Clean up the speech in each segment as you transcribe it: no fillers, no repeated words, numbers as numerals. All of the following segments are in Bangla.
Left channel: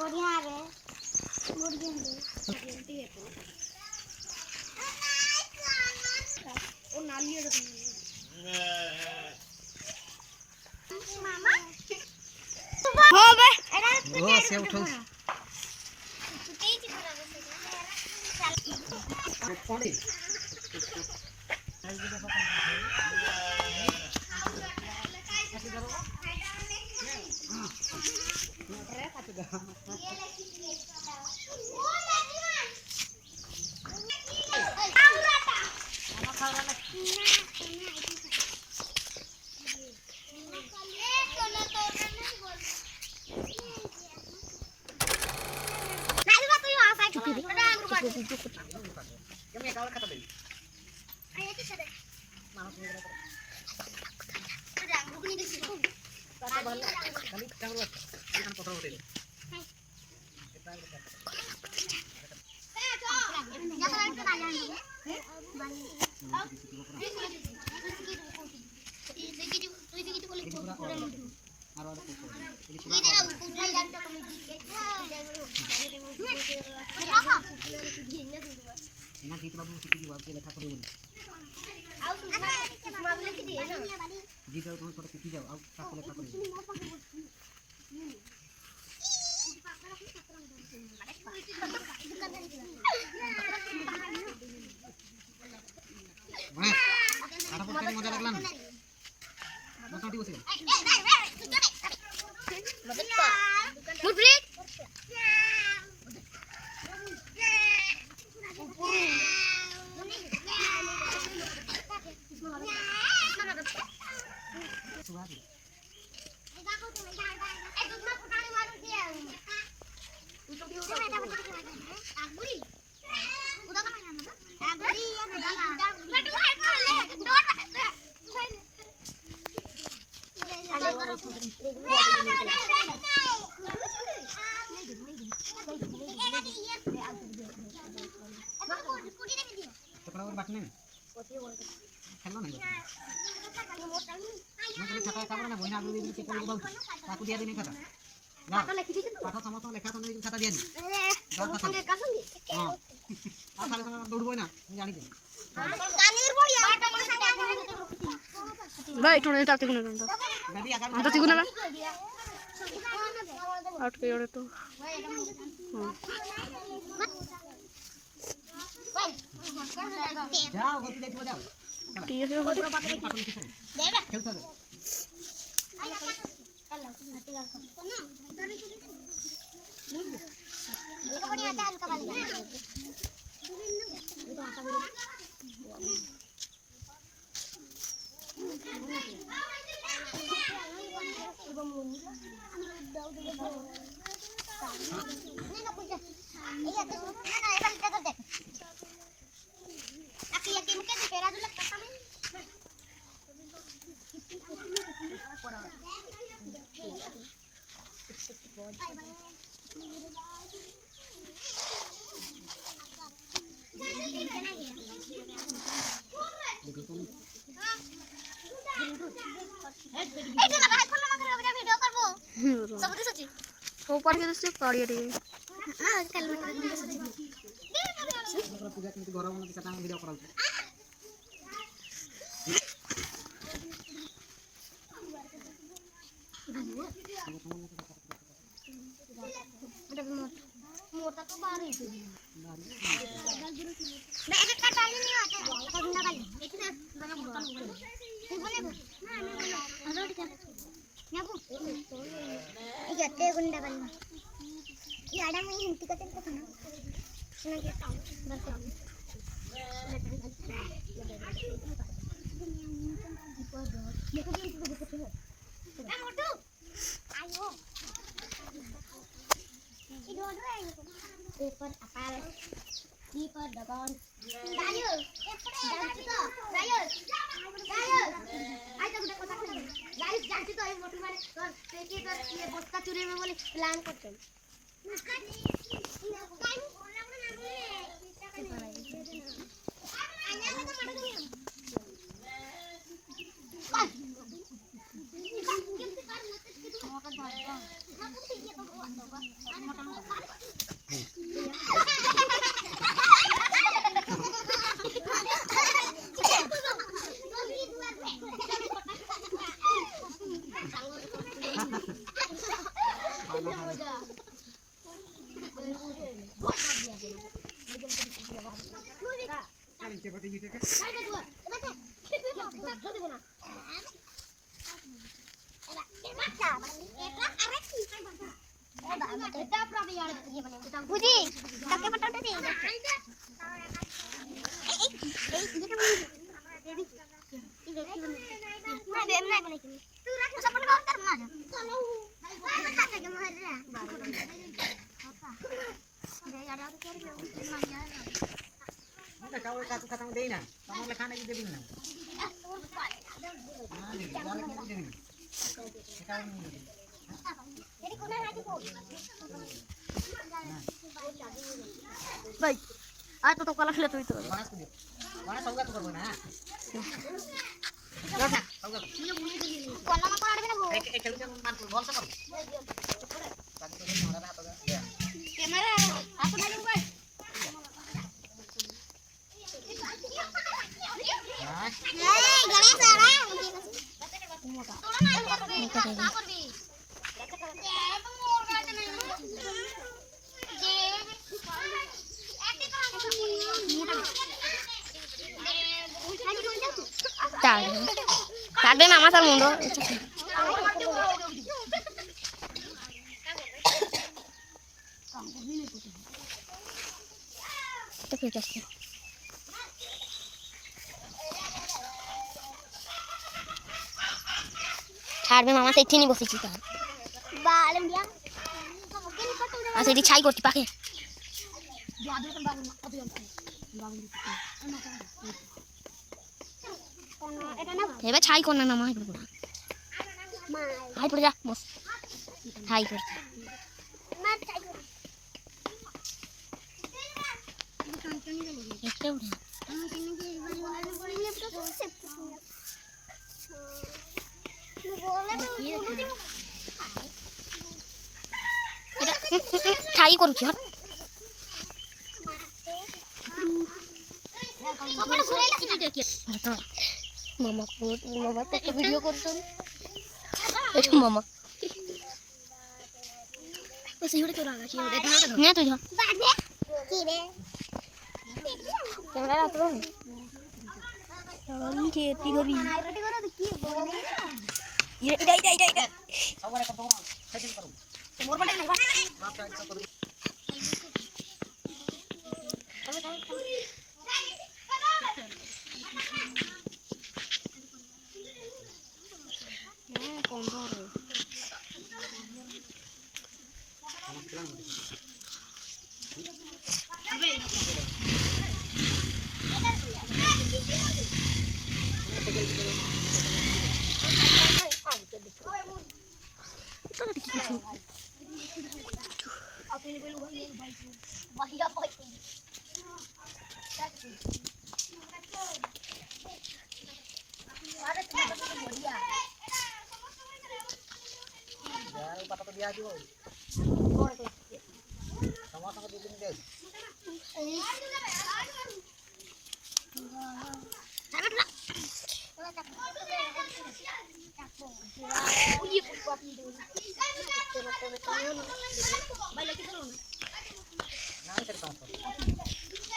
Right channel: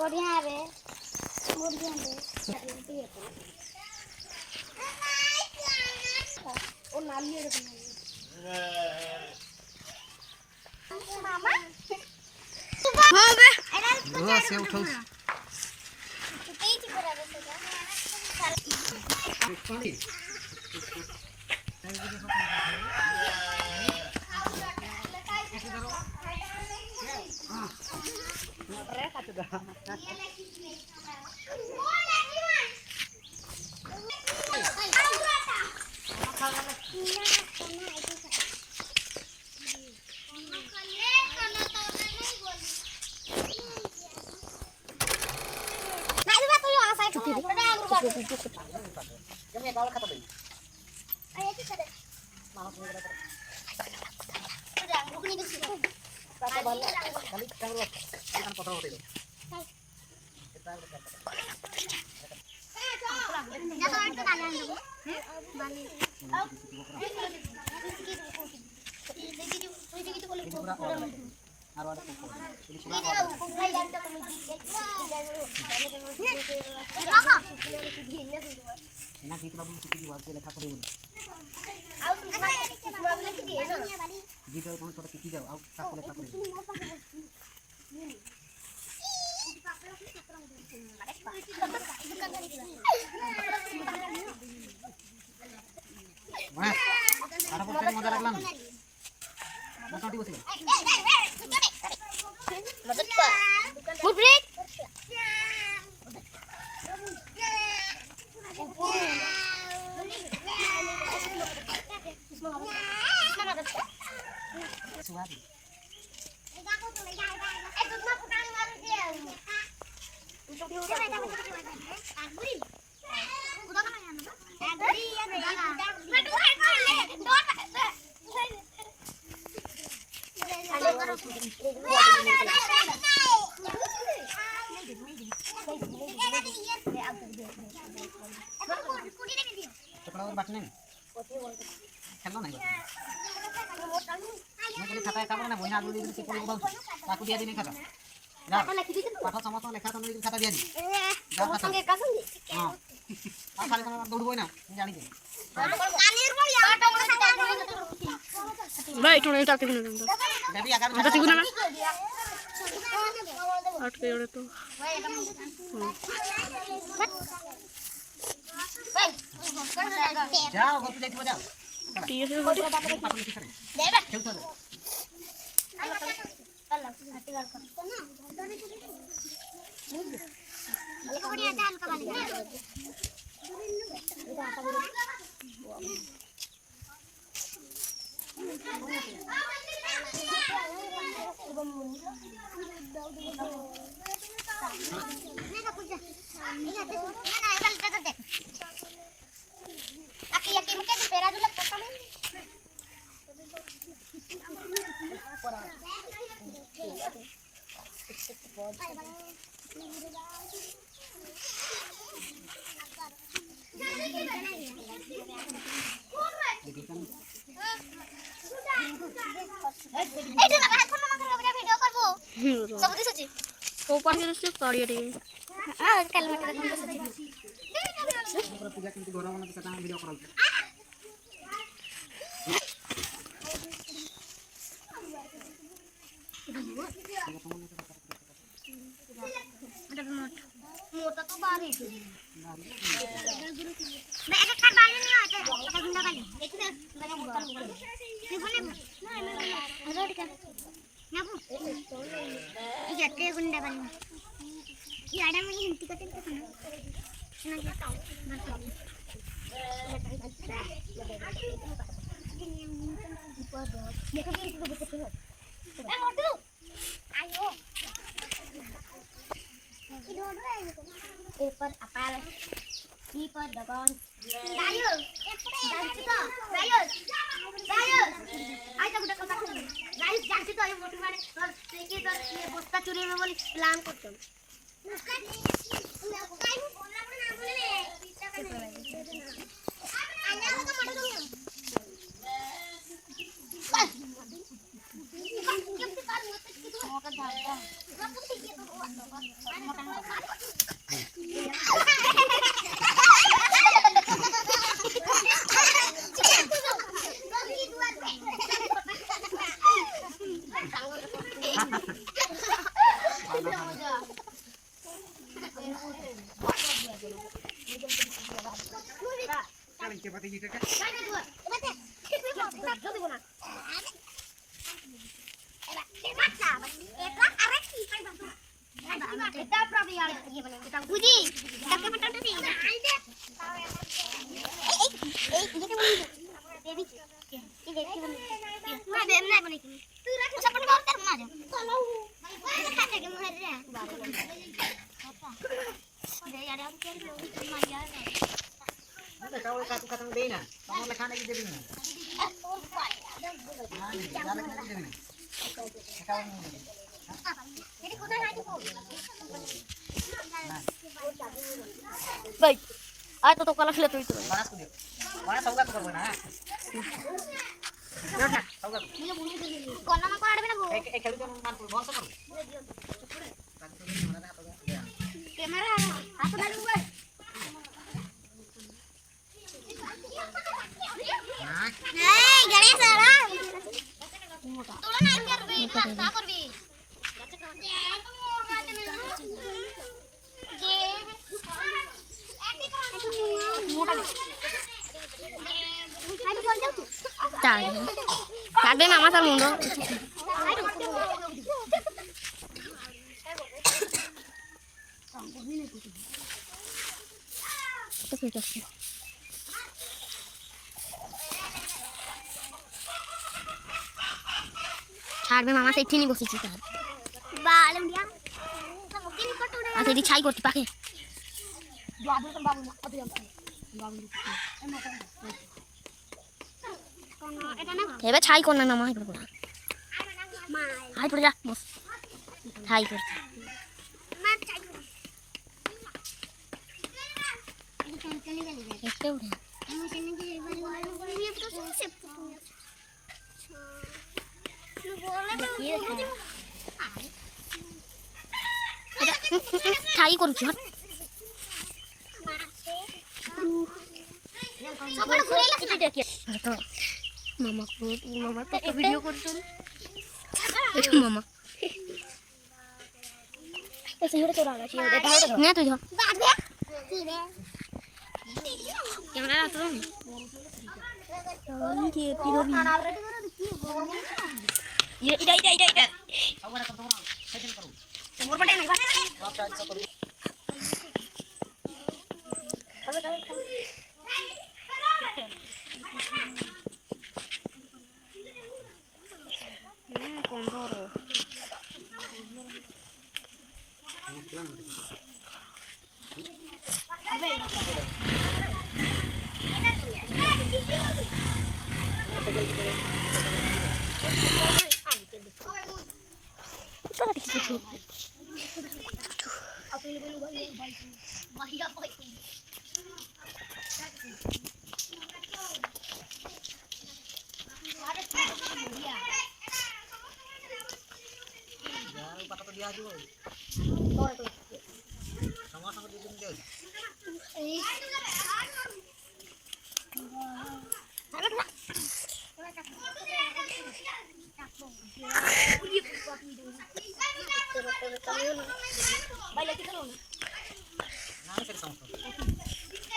बढ़िया रे बढ़िया रे ओ नाली रे मामा हां बे ओ से उठो पानी मजा लागला ना मोठी होती aku dia ini kata. Nah, kata sama sama lekha sama kata dia nih. Dah kata. Oh. Kalau kamu dulu boy na, जानी दे. भाई थोड़ा टाक तिगुना दम तो अंत तिगुना बा आठ के ओरे तो जाओ गोप देखो जाओ ठीक है गोटी ऊपर के से पड़ी रे हां कल मत कर सच्ची पूजा के घर वाला के साथ वीडियो करो मोटा तो बाहर है मैं एक का बाल नहीं होता है गुंडा बाल एक ना मैं मोटा नहीं बोले ना रोड का ना वो ये ते गुंडा बाल ये आड़ा में हिंदी का तेल का ना सुना के बस देखो ये इसको देखो ए मोटू आयो पेपर अपाल ई पर दगन गायो एपड़े जाची तो गायो गायो आज तक कथा गायो जाची तो ये मोटू माने तो देखि तो ये बस्ता चोरी में बोली प्लान करछन गायो बोला ना बोले पेपर आई आना तो मत दो केम से कर होते कि तो मोटा धागा বুঝি তাকে পাঠাতে দিই kau kata deh na, kamu lekhan lagi jadi ni. ভাই আর তো কলা খেলে তুই তো Panas tu dia. Panas saugat tu korban ha. Saugat. কোন নাম করে আড়বে না গো খেলু কেন মারপুর বংশ করো ক্যামেরা হাত ধরি গো এই গণেশ সারা তোরা নাই করবে তা করবি মোর গাতে নাই যে মোটা কাটবে মামা তার মুন্ড তো ঠিক আছে ছাড়বে মামা সেই ঠিনি বসেছি তার বালম দিয়া মুখে নি ফটো আর সেটি ছাই করতে পাকে বাবু বাবু কত বাবু এটা না এবার ছাই কর না মামা এগুলো পুরা মা হাই পড়ে যা বস ছাই করছে মা চাই এটা চঞ্চনি গেলি একটা উঠে আমি জানি যে এবার মনে করে নিয়ে তো সেভ বলে এটা ছাই করছি হট সকালে ঘুরে এলাম না দেখি তো মামা মামা তো একটা ভিডিও করছেন এটা মামা এসে হরে তো রাগা ছিল এটা না তুই ধর বাদে কি রে ক্যামেরা রাত রং আমি কি তুই করবি রেডি করে কি বলবি এটা saugat kau tolong setting karo মোর পটে নাই বাস baca iso karo ya patah tu dia aja sama-sama dia dia nah saya sama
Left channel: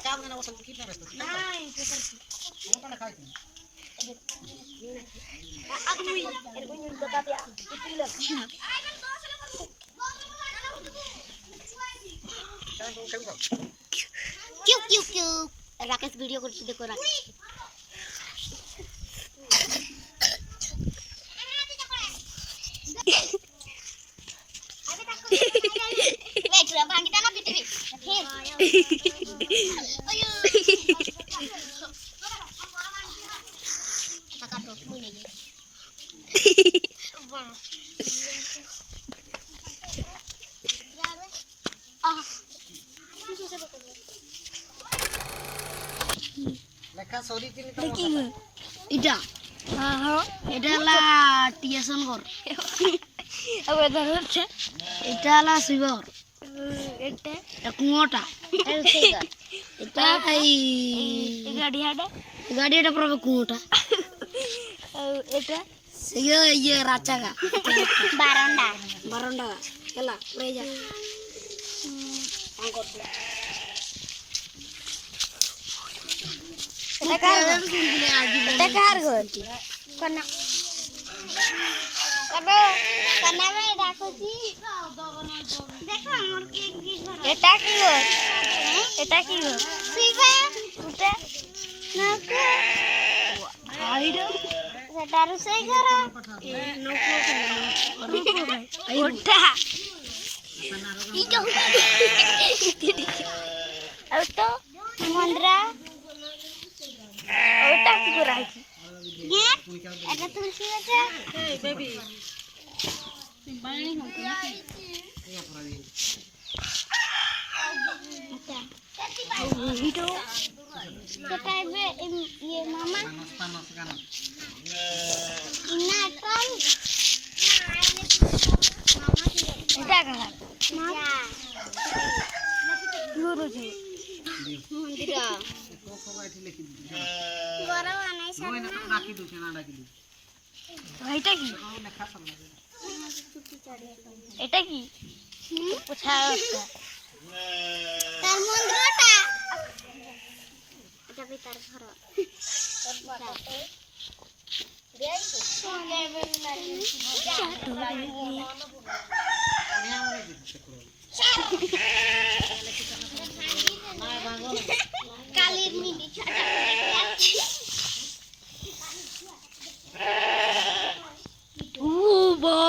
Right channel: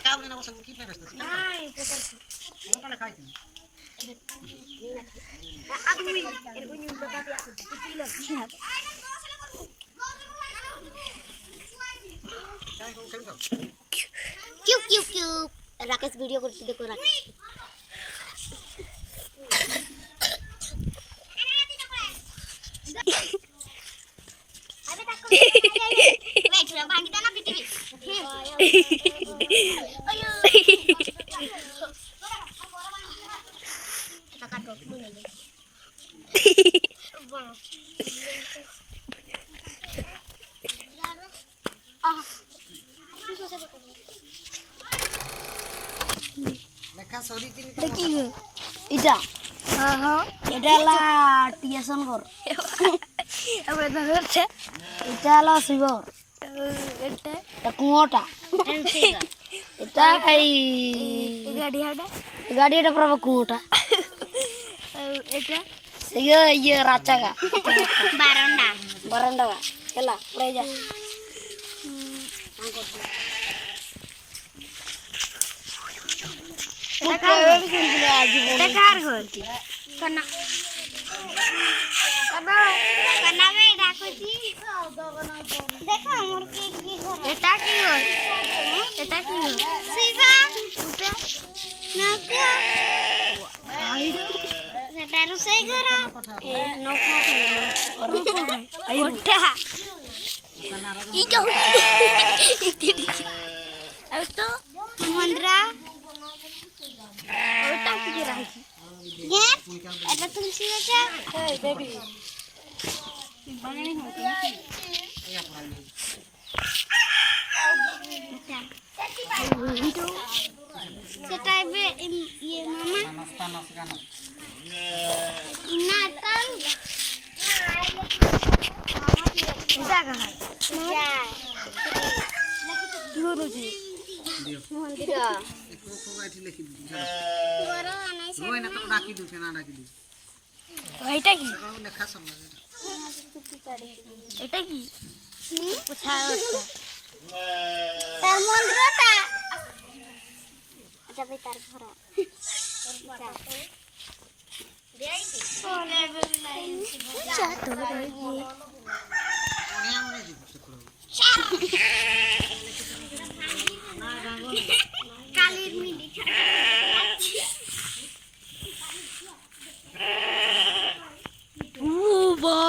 kamu yang awasan kita rasa kamu tak lekah itu क्यों क्यों क्यों राकेश वीडियो करছি দেখো রাকেশ বেটা ভাঙিটা না পিটিবি আয়ো টাকা তো ভুলে গেছি lekah sorry ini কি এটা হ্যাঁ হ্যাঁ এটা হলো টিয়াসন ঘর আবার ধরছে এটা হলো সুইবর এটা কুয়োটা এটা এই গাড়িটা পুরো কুয়োটা এটা ইয়ে রাচাগা বারান্দা বারান্দা এলা পড়ে যা এটা কার ঘর কানা কানা কানা বেটা করছি দেখো আমার কি কি ঘর এটা কি হয় এটা কি হয় শিবা উঠে নৌকো আইডো সেটা রুষেই ঘর ওটা ইটো তো মন্দ্রা ওটা কি করে গেট এটা তুলসী গাছ ভিডিও সেটা ইয়ে মামা panas kan. ইনাটাল এটা কাকা মজা কি হচ্ছে Dia. মন্দির Kok aja lagi di sana. গরম আনাইছে Lo enak tak lagi tuh sana lagi di. এটা কি Kalau lekas sama. এটা কি কোথায় একটা তার মন্দিরটা যাবে তার ঘর Yang ini gitu sekolah. কালির মিডি উবা